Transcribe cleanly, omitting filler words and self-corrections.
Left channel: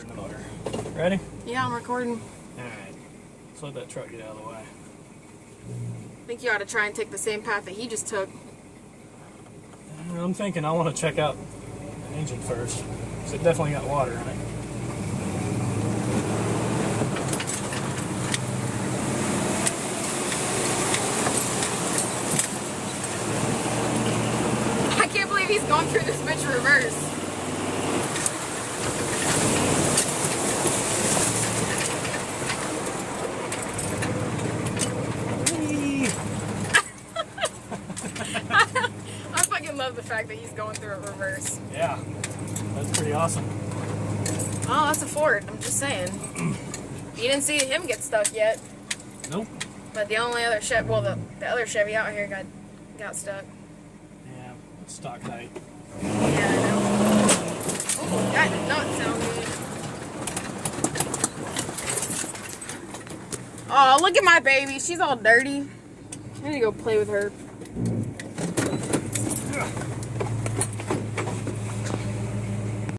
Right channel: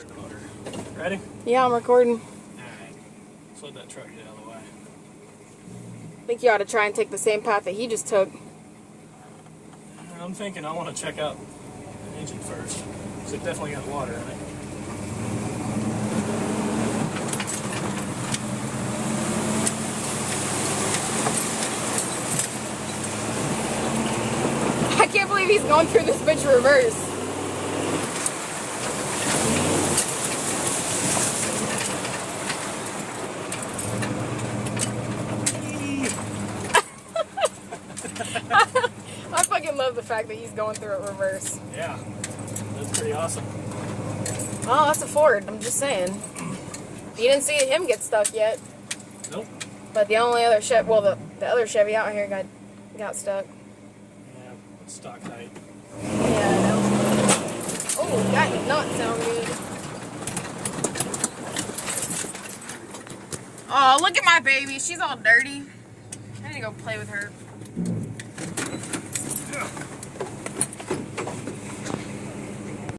In the motor. Ready? Yeah, I'm recording. Alright. Let's let that truck get out of the way. I think you ought to try and take the same path that he just took. I'm thinking I want to check out the engine first. Because it definitely got water in it. I can't believe he's going through this bitch reverse. I fucking love the fact that he's going through it reverse. Yeah. That's pretty awesome. Oh, that's a Ford. I'm just saying. You didn't see him get stuck yet. Nope. But the only other Chevy, well, the other Chevy out here got stuck. Yeah, it's stock height. Yeah, I know. Oh, that does not sound good. Oh, look at my baby. She's all dirty. I need to go play with her.